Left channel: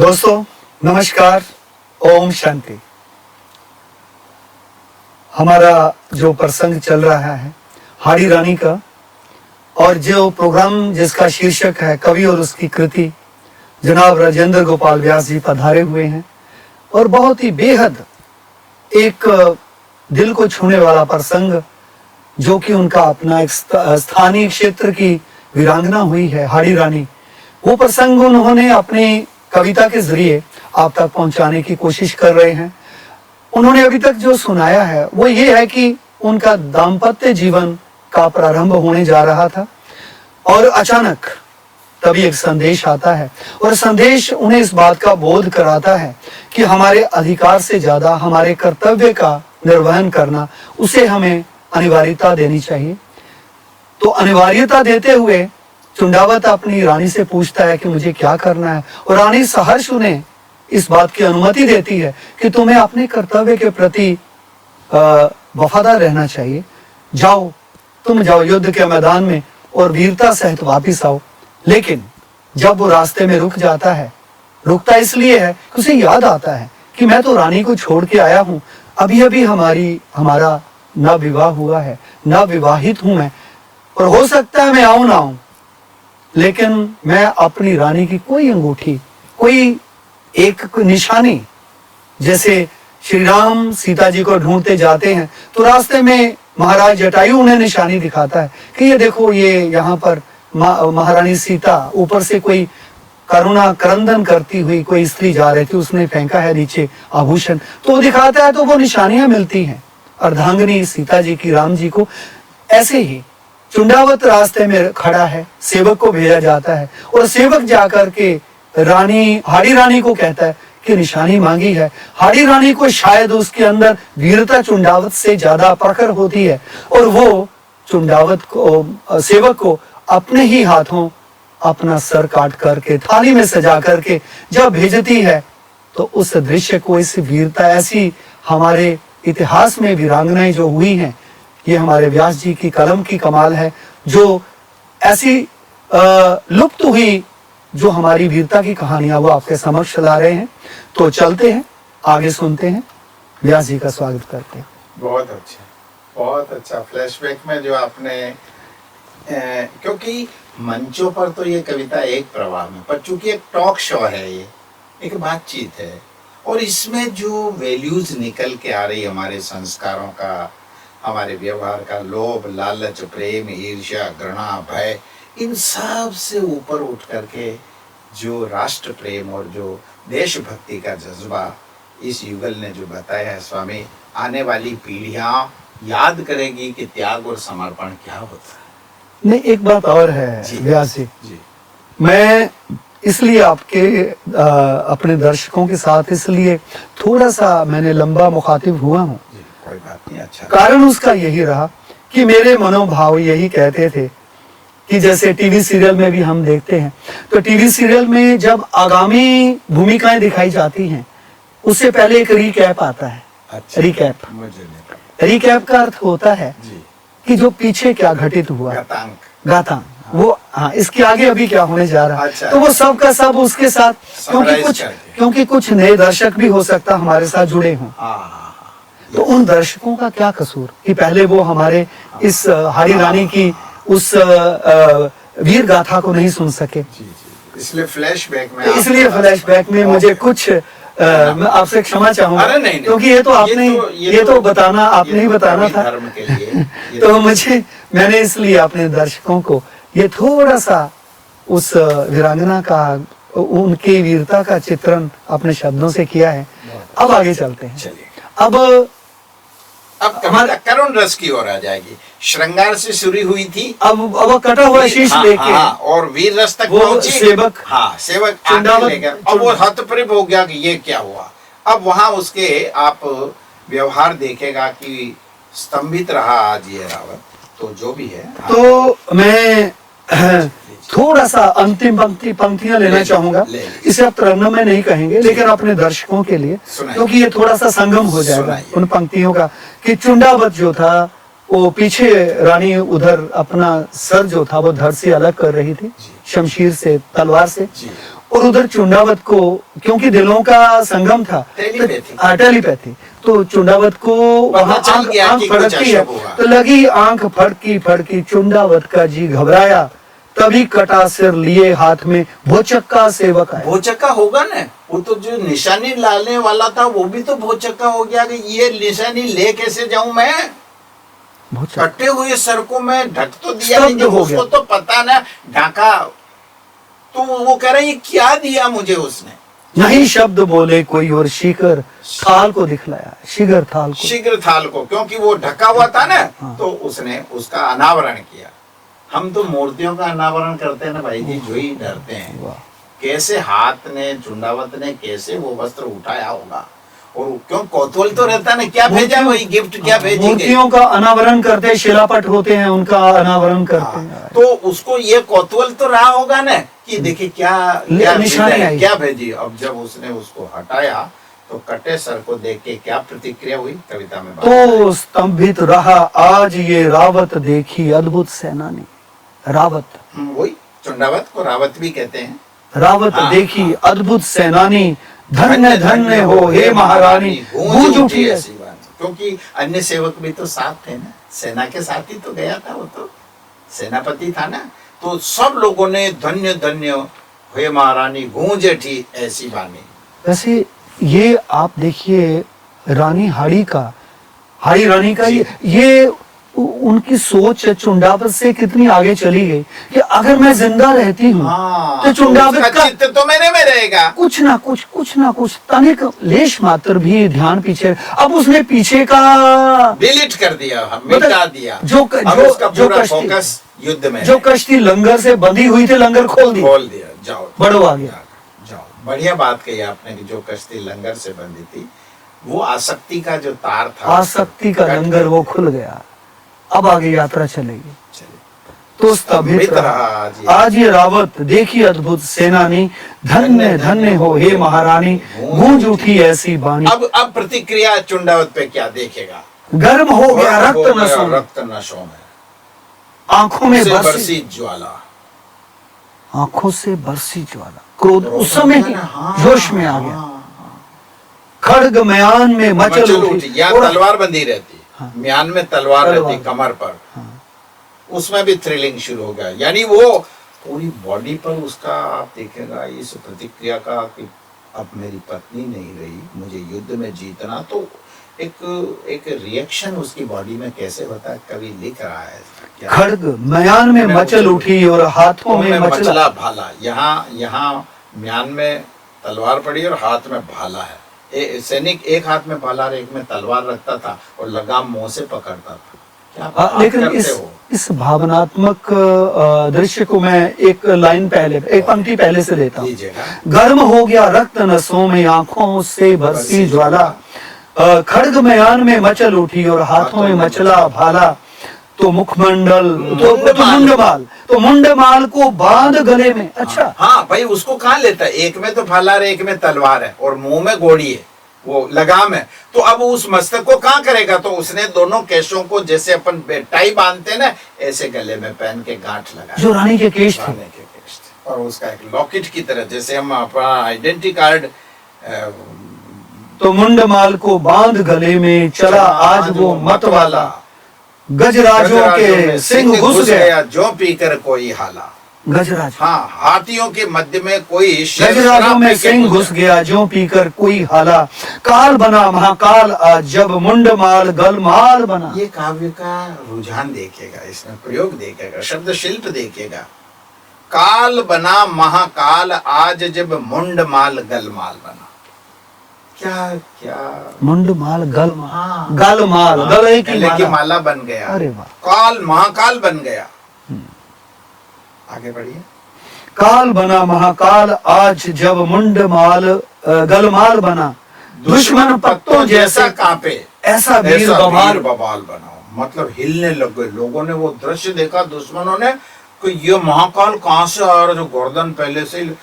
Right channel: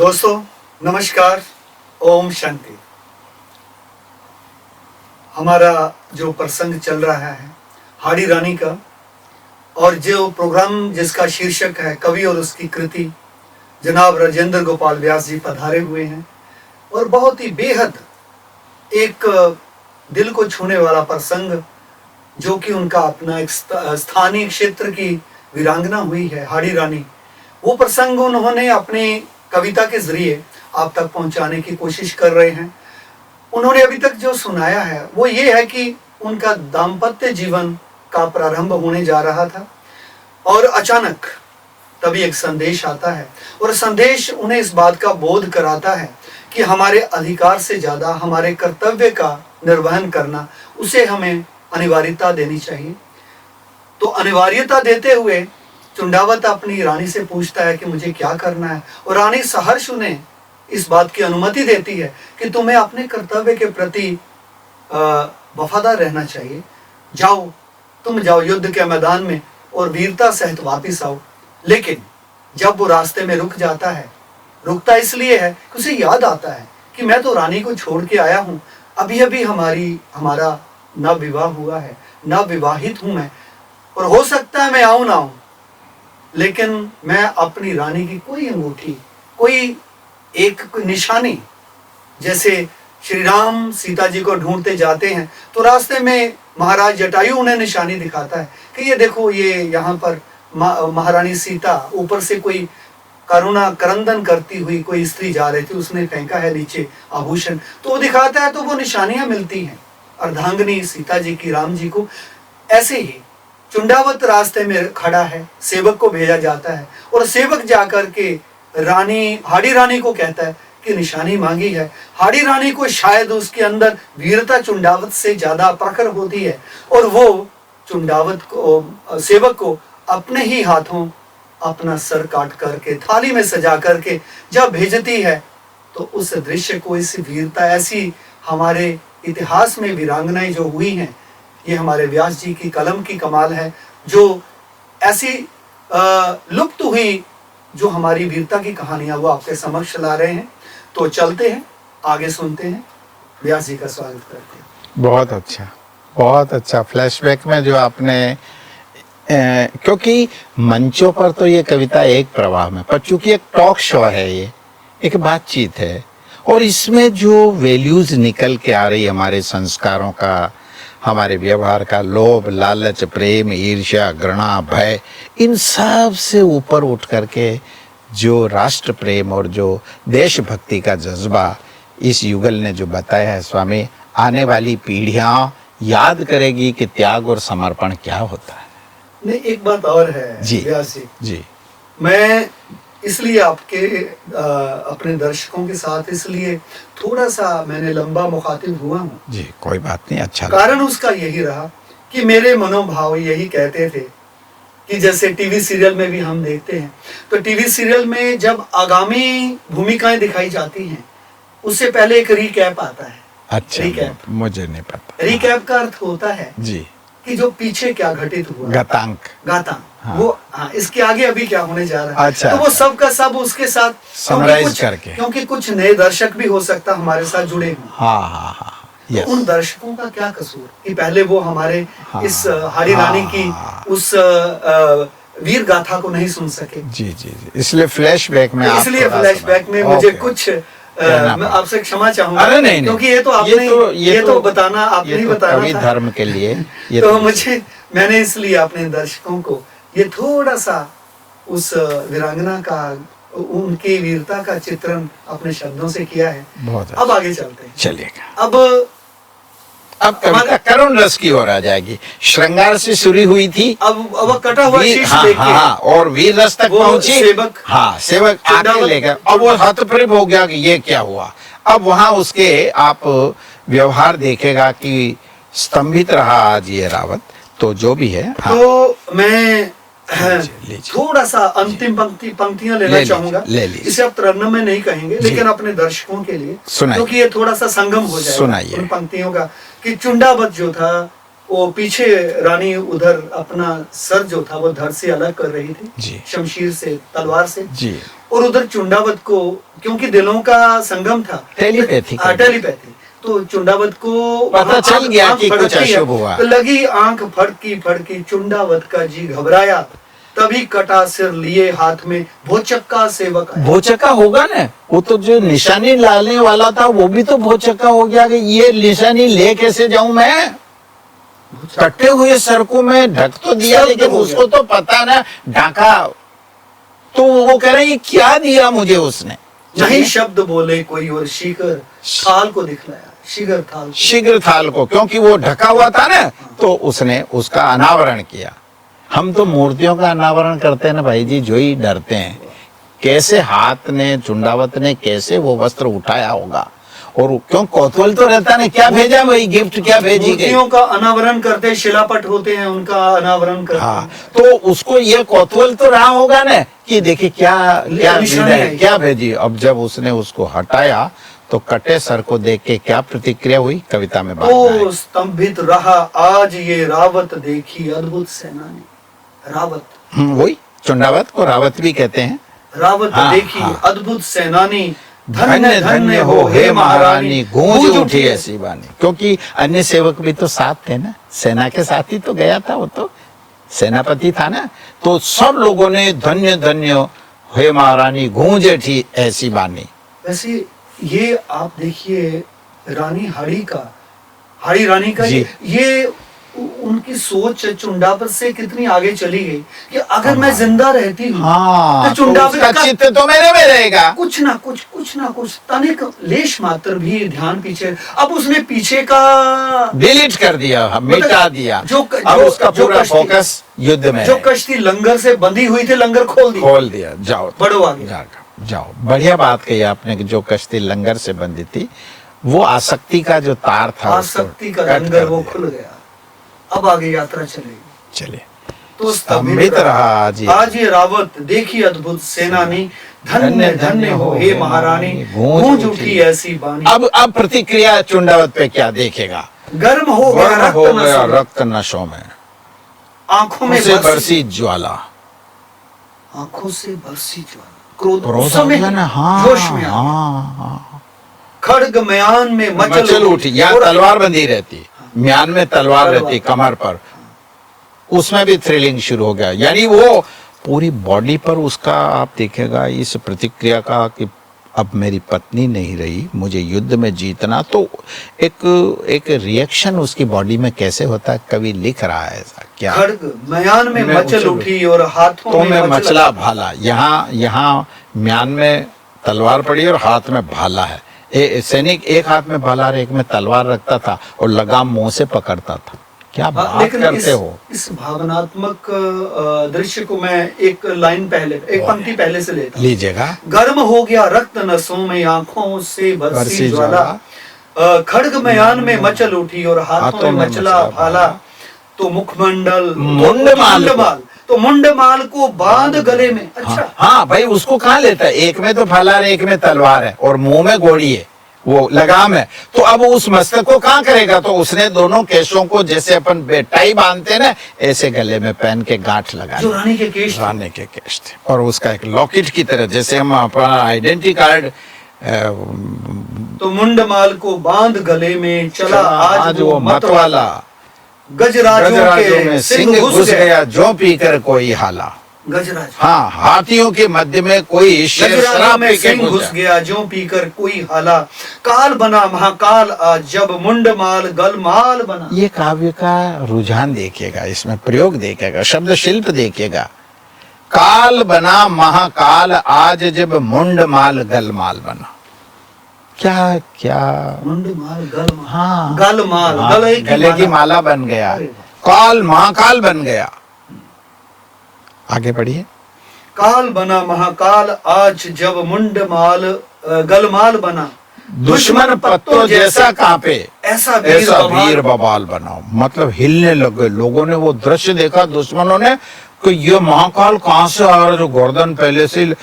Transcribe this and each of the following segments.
दोस्तों नमस्कार, ओम शांति। हमारा जो प्रसंग चल रहा है हाड़ी रानी का, और जो प्रोग्राम जिसका शीर्षक है कवि और उसकी कृति, जनाब राजेंद्र गोपाल व्यास जी पधारे हुए हैं। और बहुत ही बेहद एक दिल को छूने वाला प्रसंग, जो कि उनका अपना एक स्थानीय क्षेत्र की वीरांगना हुई है हाड़ी रानी, वो प्रसंग उन्होंने अपनी कविता के जरिए आप तक पहुंचाने की कोशिश कर रहे हैं। उन्होंने अभी तक जो सुनाया है वो ये है कि उनका दाम्पत्य जीवन का प्रारंभ होने जा रहा था और अचानक तभी एक संदेश आता है, और संदेश उन्हें इस बात का बोध कराता है कि हमारे अधिकार से ज्यादा हमारे कर्तव्य का निर्वहन करना, उसे हमें अनिवार्यता देनी चाहिए। तो अनिवार्यता देते हुए चुंडावत अपनी रानी से पूछता है कि मुझे क्या करना है, और रानी सहर्ष उन्हें इस बात की अनुमति देती है कि तुम्हें अपने कर्तव्य के प्रति वफादार रहना चाहिए। जाओ, तुम जाओ युद्ध के मैदान में और वीरता सहित वापिस आओ। लेकिन जब वो रास्ते में रुक जाता है, रुकता इसलिए है कि उसे याद आता है कि मैं तो रानी को छोड़ के आया हूँ, अभी अभी हमारा न विवाह हुआ है, न विवाहित हूं मैं, और हो सकता है मैं आऊं ना आऊं, लेकिन मैं अपनी रानी की कोई अंगूठी, कोई एक निशानी, जैसे श्री राम सीता जी को ढूंढते जाते हैं तो रास्ते में महाराज जटायु उन्हें निशानी दिखाता है कि ये देखो, ये यहाँ पर महारानी सीता, ऊपर से कोई करुणा क्रंदन करती हुई कोई स्त्री जा रही थी, उसने फेंका है नीचे आभूषण, तो वो दिखाता है, तो वो निशानियां मिलती हैं अर्धांगिनी सीता जी की राम जी को। ऐसे ही चुंडावत रास्ते में खड़ा है, सेवक को भेजा जाता है, और सेवक जाकर के हाड़ी रानी को कहता है कि निशानी मांगी है। हाड़ी रानी को शायद उसके अंदर वीरता चुंडावत से ज्यादा प्रखर होती है, और वो चुंडावत को, सेवक को अपने ही हाथों अपना सर काट करके थाली में सजा करके जब भेजती है, तो उस दृश्य को, इस वीरता, ऐसी हमारे इतिहास में वीरांगनाएं जो हुई हैं, ये हमारे व्यास जी की कलम की कमाल है, जो ऐसी लुप्त हुई जो हमारी वीरता की कहानियां वो आपके समक्ष ला रहे हैं। तो चलते हैं, आगे सुनते हैं, व्यास जी का स्वागत करते हैं। बहुत अच्छा फ्लैशबैक में जो आपने क्योंकि मंचों पर तो ये कविता एक प्रवाह में, पर चूंकि एक टॉक शो है, ये एक बातचीत है, और इसमें जो वैल्यूज निकल के आ रही हमारे संस्कारों का, हमारे व्यवहार का, लोभ, लालच, प्रेम, ईर्ष्या, घृणा, भय, इन सब से ऊपर उठ करके जो राष्ट्र प्रेम और जो देशभक्ति का जज्बा इस युगल ने जो बताया है स्वामी, आने वाली पीढ़ियां याद करेगी कि त्याग और समर्पण क्या होता है। नहीं, एक बात और है जी व्यास जी, मैं इसलिए आपके अपने दर्शकों के साथ इसलिए थोड़ा सा मैंने लंबा मुखातिब हुआ हूँ जी, कोई बात नहीं, अच्छा। कारण उसका यही रहा कि मेरे मनोभाव यही कहते थे कि जैसे टीवी सीरियल में भी हम देखते हैं, तो टीवी सीरियल में जब आगामी भूमिकाएं दिखाई जाती हैं, उससे पहले एक रिकैप आता है। अच्छा, रिकैप मुझे नहीं पता। रिकैप का अर्थ होता है जी कि जो पीछे क्या घटित हुआ, गातांक, हाँ। वो इसके आगे अभी क्या होने जा रहा है। अच्छा, तो वो सब का सब उसके साथ, करके, क्योंकि कुछ नए दर्शक भी हो सकता हमारे साथ जुड़े हों। हाँ, तो उन दर्शकों का क्या कसूर कि पहले वो हमारे इस हाड़ी रानी की उस वीर गाथा को नहीं सुन सके। जी, इसलिए फ्लैशबैक में मुझे कुछ मैं आपसे क्षमा चाहूंगा। अरे नहीं, क्योंकि ये तो आपने ये तो बताना, आपने ही बताना था धर्म के लिए तो मैंने इसलिए अपने दर्शकों को ये थोड़ा सा उस वीरांगना का, उनकी वीरता का चित्रण अपने शब्दों से किया है। अब आगे चलते हैं, चलिएगा। अब कविता करुण रस की ओर आ जाएगी। श्रृंगार से शुरू हुई थी, अब कटा हुआ शीश लेके, और वीर रस तक पहुंची। सेवक आगे लेकर, अब वो हतप्रभ हो गया कि ये क्या हुआ। अब वहां उसके आप व्यवहार देखेगा कि स्तंभित रहा आज ये रावत, तो जो भी है। तो मैं थोड़ा सा अंतिम पंक्तियां लेना चाहूंगा। इसे आप तरन्नुम में नहीं कहेंगे, लेकिन अपने दर्शकों के लिए, क्योंकि ये थोड़ा सा संगम हो जाएगा उन पंक्तियों का कि चुंडावत जो था वो पीछे रानी उधर अपना सर जो था वो धड़ से अलग कर रही थी, जी। शमशीर से, तलवार से। जी। और उधर चुंडावत को, क्योंकि दिलों का संगम था, टेलीपैथी। टेलीपैथी, तो चुंडावत को पता चल गया कि कुछ अशुभ हुआ। तो लगी आंख फड़की फड़की, चुंडावत का जी घबराया, तभी कटा सिर लिए हाथ में भोचक्का सेवक आया। भोचक्का होगा ना, वो तो जो निशानी लाने वाला था वो भी तो भोचक्का हो गया कि ये निशानी ले कैसे जाऊं मैं, कटे हुए सर को मैं ढक तो दिया, लेकिन उसको तो पता ना ढका, तो वो कह रहे ये क्या दिया मुझे उसने। नहीं शब्द बोले कोई और शीघ्र थाल को दिखलाया, शीघ्र थाल को। शीघ्र थाल को, क्योंकि वो ढका हुआ था ना, तो उसने उसका अनावरण किया। हम तो मूर्तियों का अनावरण करते हैं ना भाई जी, जो ही डरते हैं कैसे हाथ ने, चुंडावत ने कैसे वो वस्त्र उठाया होगा, और क्यों कौतूहल तो रहता ना, क्या भेजा वही गिफ्ट, क्या भेजी गई। मूर्तियों का अनावरण करते हैं, शिलापट होते हैं उनका अनावरण करते हाँ, हैं। तो उसको ये कौतूहल तो रहा होगा ना कि देखिए क्या क्या निशानी भेजा है, आई। क्या भेजी। अब जब उसने उसको हटाया तो कटे सर को देख के क्या प्रतिक्रिया हुई, कविता में बात तो स्तंभित रहा आज ये रावत देखी अद्भुत सेनानी। रावत, वही चुंडावत को रावत भी कहते हैं। रावत हाँ, देखी हाँ। अद्भुत सेनानी, धन्य धन्य हो हे महारानी, गूंज उठी ऐसी वाणी। क्योंकि अन्य सेवक भी तो साथ थे ना, सेना के साथ ही तो गया था, वो तो सेनापति था ना, तो सब लोगों ने धन्य धन्य हे महारानी, गूंज उठी ऐसी वाणी। वैसे ये आप देखिए रानी हाड़ी रानी का ये उनकी सोच चुंडावत से कितनी आगे चली गई कि अगर मैं जिंदा रहती हूँ तो चुंडावत का चित्त तो मेरे में रहेगा। कुछ ना कुछ तनिक लेश मात्र भी ध्यान पीछे, अब उसने पीछे का डिलीट कर दिया, मिटा दिया। अब उसका जो पूरा फोकस युद्ध में जो है। कश्ती लंगर से बंधी हुई थी, लंगर खोल दिया, जाओ बढ़ो आगे जाओ। बढ़िया बात कही आपने कि जो कश्ती लंगर से बंधी थी, वो आसक्ति का जो तार था, आसक्ति का लंगर वो खुल गया। अब आगे यात्रा चलेगी। चलिए, तो स्तंभित रहा आज ये रावत देखी अद्भुत सेनानी, धन्य धन्य हो हे महारानी, गूंज उठी ऐसी वाणी। अब प्रतिक्रिया चुंडावत पे क्या देखेगा। गर्म हो गया रक्त नशों में, आंखों में बरसी ज्वाला, आंखों से बरसी ज्वाला, क्रोध उस समय जोश में आ गया। खड्ग म्यान में मचल उठी, या तलवार बंधी रहती, म्यान में तलवार रहती कमर पर, उसमें भी थ्रिलिंग शुरू हो गया। यानी वो पूरी बॉडी पर उसका आप देखेगा इस प्रतिक्रिया का कि अब मेरी पत्नी नहीं रही, मुझे युद्ध में जीतना, तो एक रिएक्शन उसकी बॉडी में कैसे होता है, कवि लिख रहा है ऐसा। क्या खड्ग म्यान में मचल उठी और हाथों में मचला भाला। यहाँ म्यान में तलवार पड़ी और हाथ में भाला है। सैनिक एक हाथ में भाला और एक में तलवार रखता था और लगाम मुंह से पकड़ता था। क्या बात लेकिन करते हो। इस भावनात्मक दृश्य को मैं एक लाइन पहले, एक पंक्ति पहले से लेता लीजिएगा। गर्म हो गया रक्त नसों में, आंखों से बरसी ज्वाला, खड्ग म्यान में मचल उठी और हाथों में मचला भाला, तो मुखमंडल तो मुंडमाल को बांध गले में। अच्छा, हाँ भाई, उसको कहाँ लेता है, एक में तो भाला है, एक में तलवार है और मुंह में घोड़ी है, वो लगाम है, तो अब उस मस्तक को कहाँ करेगा। तो उसने दोनों केशों को जैसे अपन टाई बांधते ना, ऐसे गले में पहन के गांठ लगाया, जो रानी के केश थे, रानी के केश थे, और उसका एक लॉकेट की तरह, जैसे हम अपना आइडेंटिटी कार्ड। तो मुंडमाल को बांध गले में चला आज वो मतवाला, गजराजों के सिंह घुस गया जो पीकर कोई हाला। गजराज, हाँ, हाथियों के मध्य में कोई गजराजों में सिंह घुस गया जो पीकर कोई हाला, काल बना महाकाल आज जब मुंडमाल गलमाल बना। ये काव्य का रुझान देखिएगा, इसमें प्रयोग देखिएगा, शब्द शिल्प देखिएगा। काल बना महाकाल आज जब मुंडमाल गलमाल बना। क्या क्या मुंडमाल गलमाल, हाँ, गलमाल, गले की माला बन गया, काल महाकाल बन गया। आगे बढ़िए। काल बना महाकाल आज जब मुंडमाल गलमाल बना, दुश्मन पत्तों जैसा कांपे, ऐसा वीर बवाल बना। मतलब हिलने लगे लोगों ने, वो दृश्य देखा दुश्मनों ने कि ये महाकाल कहां से आ रहा, जो गर्दन पहले से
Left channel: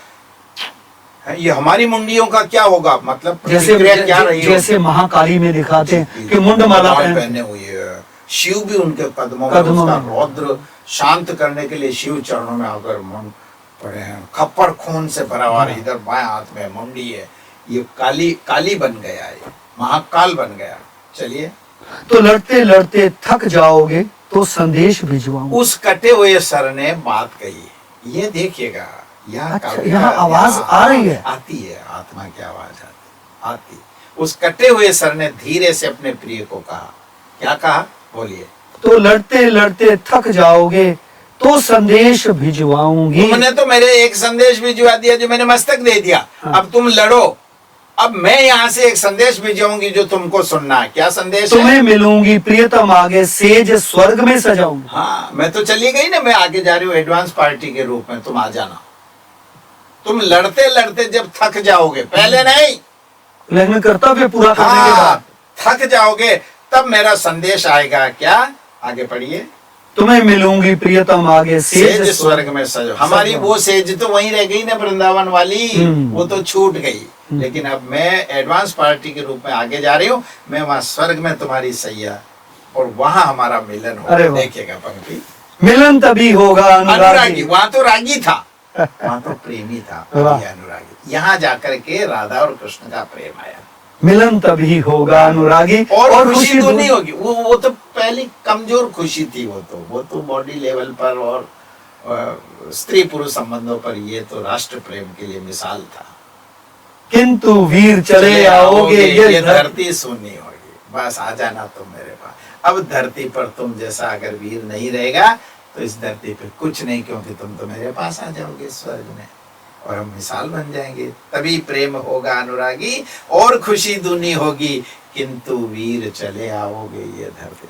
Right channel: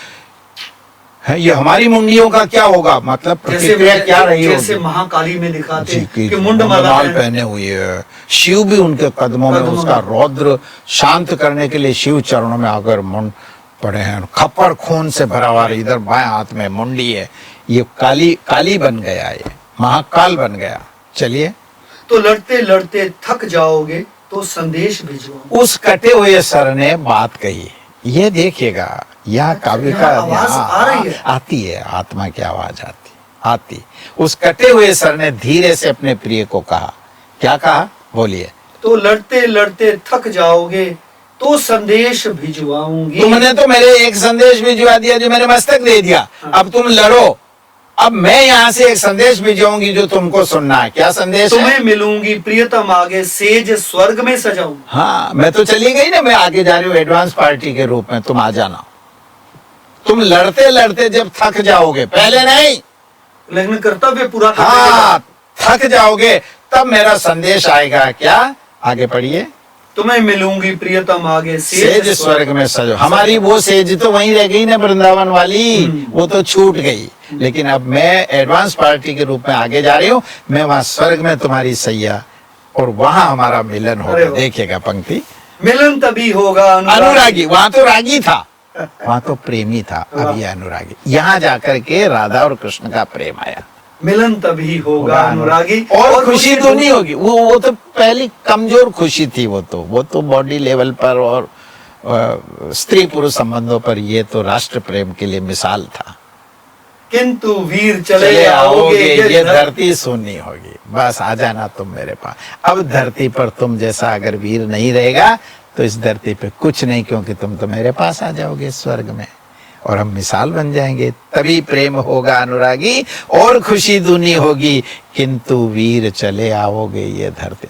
है, ये हमारी मुंडियों का क्या होगा। मतलब प्रतिक्रिया क्या रही, जैसे महाकाली में दिखाते हैं कि मुंडमाला पहने हुए है, शिव भी उनके कदमों में कदमों उसका में। रौद्र शांत करने के लिए शिव चरणों में आकर मुंड पड़े हैं, खप्पड़ खून से भरा हुआ है, इधर बाएं हाथ में मुंडी है, ये काली काली बन गया, ये महाकाल बन गया। चलिए, तो लड़ते लड़ते थक जाओगे तो संदेश भिजवाऊंगा। उस कटे हुए सर ने बात कही, ये देखिएगा, यह अच्छा, काव्य यहाँ का आवाज आ रही है। आती है, आत्मा की आवाज आती। उस कटे हुए सर ने धीरे से अपने प्रिय को कहा, क्या कहा, बोलिए। तो लड़ते लड़ते थक जाओगे तो संदेश भिजवाऊंगी। तुमने तो मेरे एक संदेश भिजवा दिया जो मैंने मस्तक दे दिया, हाँ। अब तुम लड़ो। अब मैं यहाँ से एक संदेश भिजवाऊंगी जो तुमको सुनना है। क्या संदेश है? तुम्हें मिलूंगी प्रियतम आगे, सेज स्वर्ग में सजाऊंगी। हाँ, मैं तो चली गई ना, मैं आगे जा रही हूँ एडवांस पार्टी के रूप में, तुम आ जाना। तुम लड़ते लड़ते जब थक जाओगे, पहले नहीं, लेकिन कर्तव्य पूरा करने के हाँ, बाद थक जाओगे तब मेरा संदेश आएगा। क्या, आगे पढ़िए। तुम्हें मिलूंगी प्रियतम आगे, सेज स्वर्ग में सजो। हमारी वो सेज तो वहीं रह गई ना, वृंदावन वाली, वो तो छूट गई। लेकिन अब मैं एडवांस पार्टी के रूप में आगे जा रही हूँ, मैं वहां स्वर्ग में तुम्हारी सैया, और वहां हमारा मिलन अरे हो। वाह। देखिएगा पंक्ति, मिलन तभी होगा अनुरागी। वहां तो रागी था, वहां तो प्रेमी था, वाह। अब ये अनुरागी। यहाँ जाकर के राधा और कृष्ण का प्रेम आया। मिलन तभी होगा अनुरागी, और खुशी तो नहीं होगी, वो तो पहली कमजोर खुशी थी, वो तो बॉडी लेवल पर और स्त्री पुरुष संबंधों पर, ये तो राष्ट्र प्रेम के लिए मिसाल था। किंतु वीर चले आओगे, ये धरती सुनी होगी, बस आ जाना तुम मेरे पास। अब धरती पर तुम जैसा अगर वीर नहीं रहेगा तो इस धरती पे कुछ नहीं, क्योंकि तुम तो मेरे पास आ जाओगे स्वर्ग में, और हम मिसाल बन जाएंगे। तभी प्रेम होगा अनुरागी और खुशी दूनी होगी, किंतु वीर चले आओगे ये धरती।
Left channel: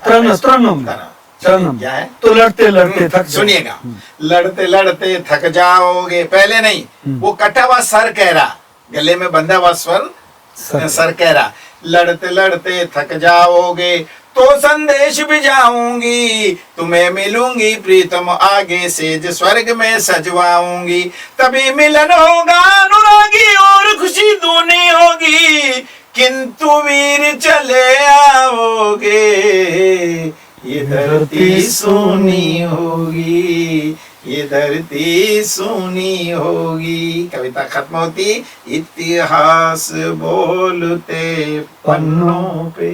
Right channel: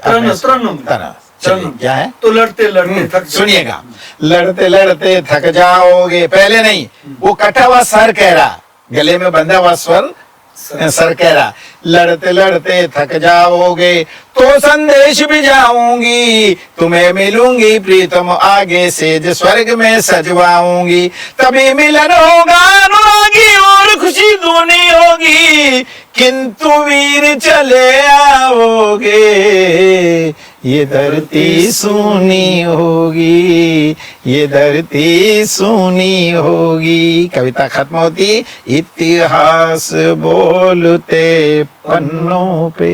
क्या है? तो लड़ते लड़ते थक सुनिएगा, लड़ते लड़ते थक जाओगे, पहले नहीं, वो कटा हुआ सर कह रहा, गले में बंधा हुआ स्वर सर कह रहा, लड़ते लड़ते थक जाओगे तो संदेश भी जाऊंगी, तुम्हें मिलूंगी प्रीतम आगे, सेज स्वर्ग में सजवाऊंगी। तभी मिलन होगा अनुरागी और खुशी दूनी होगी, किंतु वीर चले आओगे ये धरती सुनी होगी, ये धरती सुनी होगी। कविता खत्म होती, इतिहास बोलते पन्नों पे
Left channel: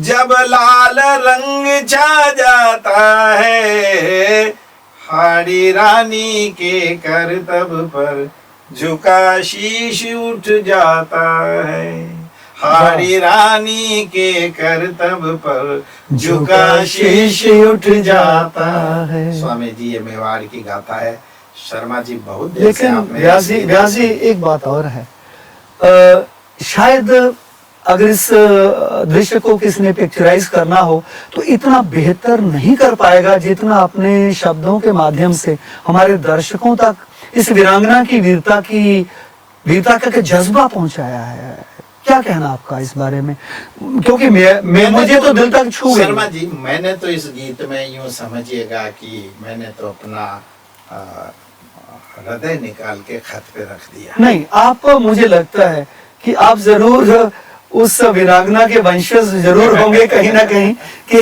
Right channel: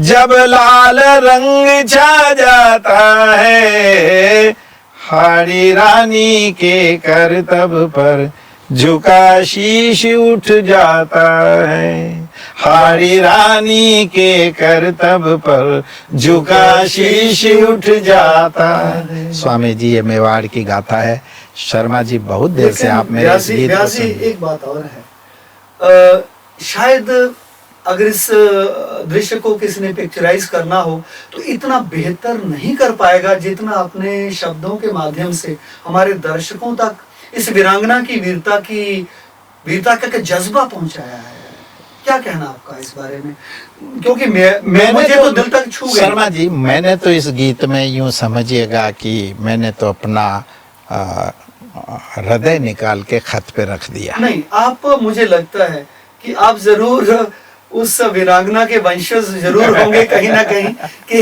जब लाल रंग छा जाता है, हाड़ी रानी के करतब पर झुका शीश उठ जाता है, हाड़ी रानी के करतब पर झुका शीश उठ जाता है। स्वामी जी, ये मेवाड़ की गाथा है। शर्मा जी, बहुत देर से आप मेरे व्यासी एक बात और है, शायद अगर इस दृश्य को किसी ने पिक्चराइज करना हो तो इतना बेहतर नहीं कर पाएगा जितना अपने शब्दों के माध्यम से हमारे दर्शकों तक इस वीरांगना की वीरता का जज्बा पहुंचाया है। क्या कहना आपका इस बारे में, क्योंकि मुझे तो दिल तक छू गई। शर्मा जी, मैंने तो इस गीत में यूं समझिएगा कि मैंने तो अपना हृदय निकाल के खत पे रख दिया। नहीं, आप, मुझे लगता है कि आप जरूर उस वीरांगना के वंशज जरूर होंगे कहीं ना कहीं, कि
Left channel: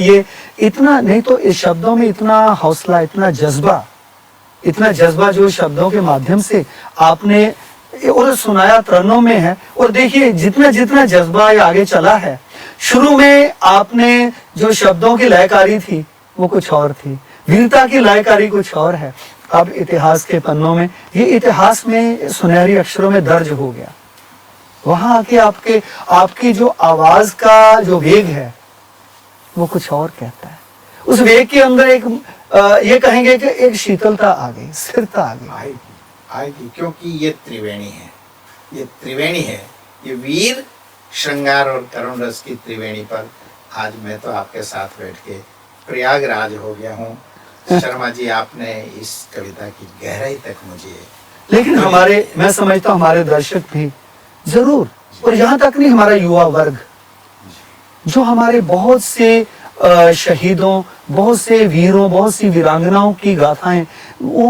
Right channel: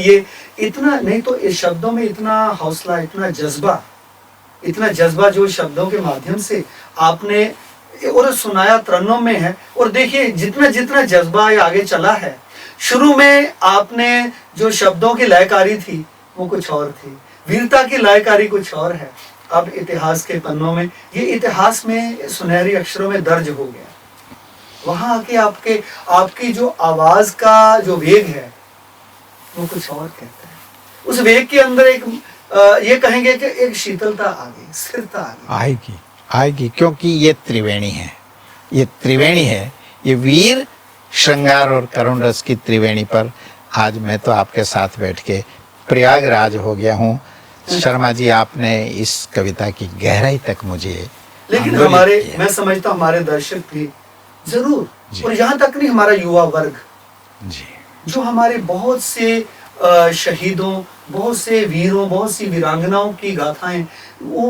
ये इतना नहीं तो इस शब्दों में इतना हौसला, इतना जज्बा जो शब्दों के माध्यम से आपने और सुनाया तरन्नुम में है। और देखिए, जितना जितना जज्बा ये आगे चला है, शुरू में आपने जो शब्दों की लयकारी थी वो कुछ और थी, वीरता की लयकारी कुछ और है। अब इतिहास के पन्नों में, ये इतिहास में सुनहरी अक्षरों में दर्ज हो गया। वहां आके आपकी जो आवाज का जो वेग है वो कुछ और कहता है। उस वेग के अंदर एक ये कहेंगे कि एक शीतलता आ गई, स्थिरता आ गई। आएगी, क्योंकि ये त्रिवेणी है, ये वीर, श्रृंगार और करुण रस की त्रिवेणी पर आज मैं तो आपके साथ बैठ के प्रयागराज हो गया हूँ। शर्मा जी, आपने इस कविता की गहराई तक मुझे, लेकिन मैं समझता हूँ हमारे दर्शक भी जरूर, और यहाँ तक नहीं, हमारा युवा वर्ग जो हमारे बहुत से शहीदों, बहुत से वीरों, बहुत सी वीरांगनाओं की गाथाएं वो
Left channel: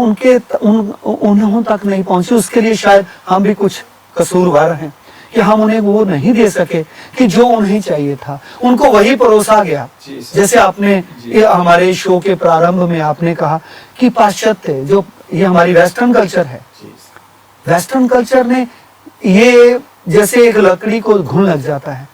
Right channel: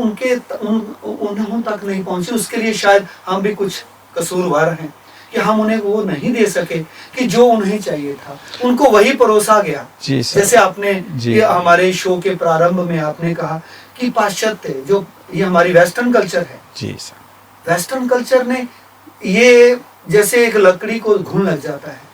उन्हों तक नहीं पहुंची। उसके लिए शायद हम भी कुछ कसूरवार हैं, कि हम उन्हें वो नहीं दे सके कि जो उन्हें चाहिए था, उनको वही परोसा गया। जी सर। जैसे आपने जी। ये हमारे शो के प्रारंभ में आपने कहा कि पाश्चात्य जो ये हमारी वेस्टर्न कल्चर है, जी सर। वेस्टर्न कल्चर ने ये जैसे एक लकड़ी को घुन लग जाता है,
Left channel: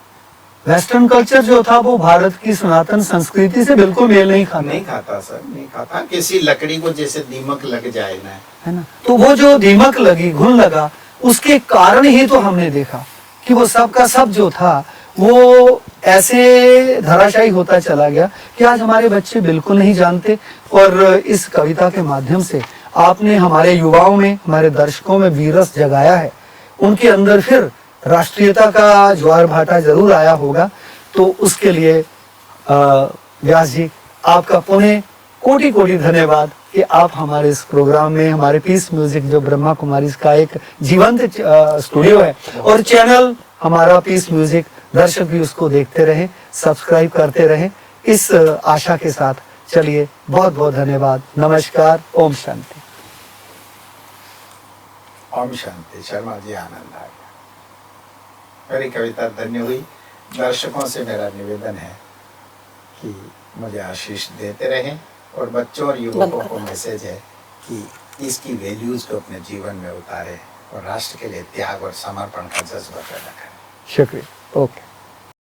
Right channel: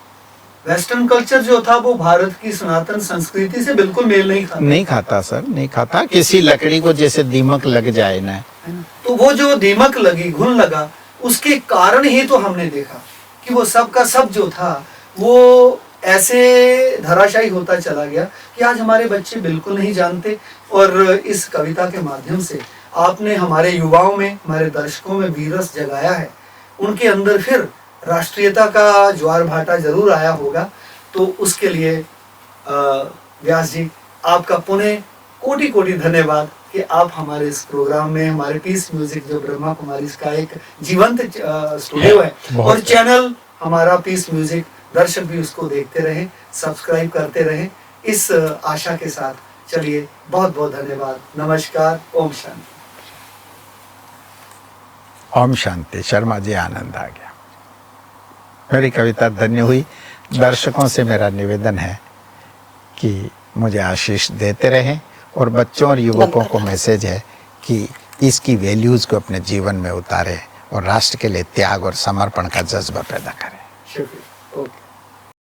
वेस्टर्न कल्चर जो था वो भारत की सनातन संस्कृति से बिल्कुल मेल नहीं खाता। नहीं खाता सर, नहीं खाता। किसी लकड़ी को जैसे दीमक लग जाए ना, है ना, तो वो जो दीमक लगी, घुन लगा, उसके कारण ही तो हमने देखा कि वो सब का सब जो था वो ऐसे धराशायी होता चला गया कि आज हमारे बच्चे बिल्कुल नहीं जानते। और इस कविता के माध्यम से आपने हमारे युवाओं में, हमारे दर्शकों में वीरस जगाया है, उनके अंदर फिर राष्ट्रीयता का ज्वार भाटा जरूर आया होगा। तो उसके लिए व्यास जी आपका पुनः कोटि कोटि धन्यवाद कि आप हमारे इस प्रोग्राम में, हमारे पीस म्यूजिक जो ब्रह्मा कुमारी का एक जीवंत स्टूडियो है और चैनल हमारा पीस म्यूजिक, दर्शक भी उसको देखते रहे, सब्सक्राइब करते रहे, इस आशा के साथ चलिए बहुत बहुत धन्यवाद। नमस्कार। ओम शांति। ओम शांति। शर्मा जी, आनंद आ गया। मेरी कविता धन्य हुई। दर्शकों से मेरा निवेदन है कि मुझे आशीष देते रहें और बच्चों और युवकों को मैसेज है कि इसकी वैल्यूज को अपने जीवन में उतारें और राष्ट्र के लिए त्याग और समर्पण का जज्बा पैदा करें। शुक्रिया। ओके।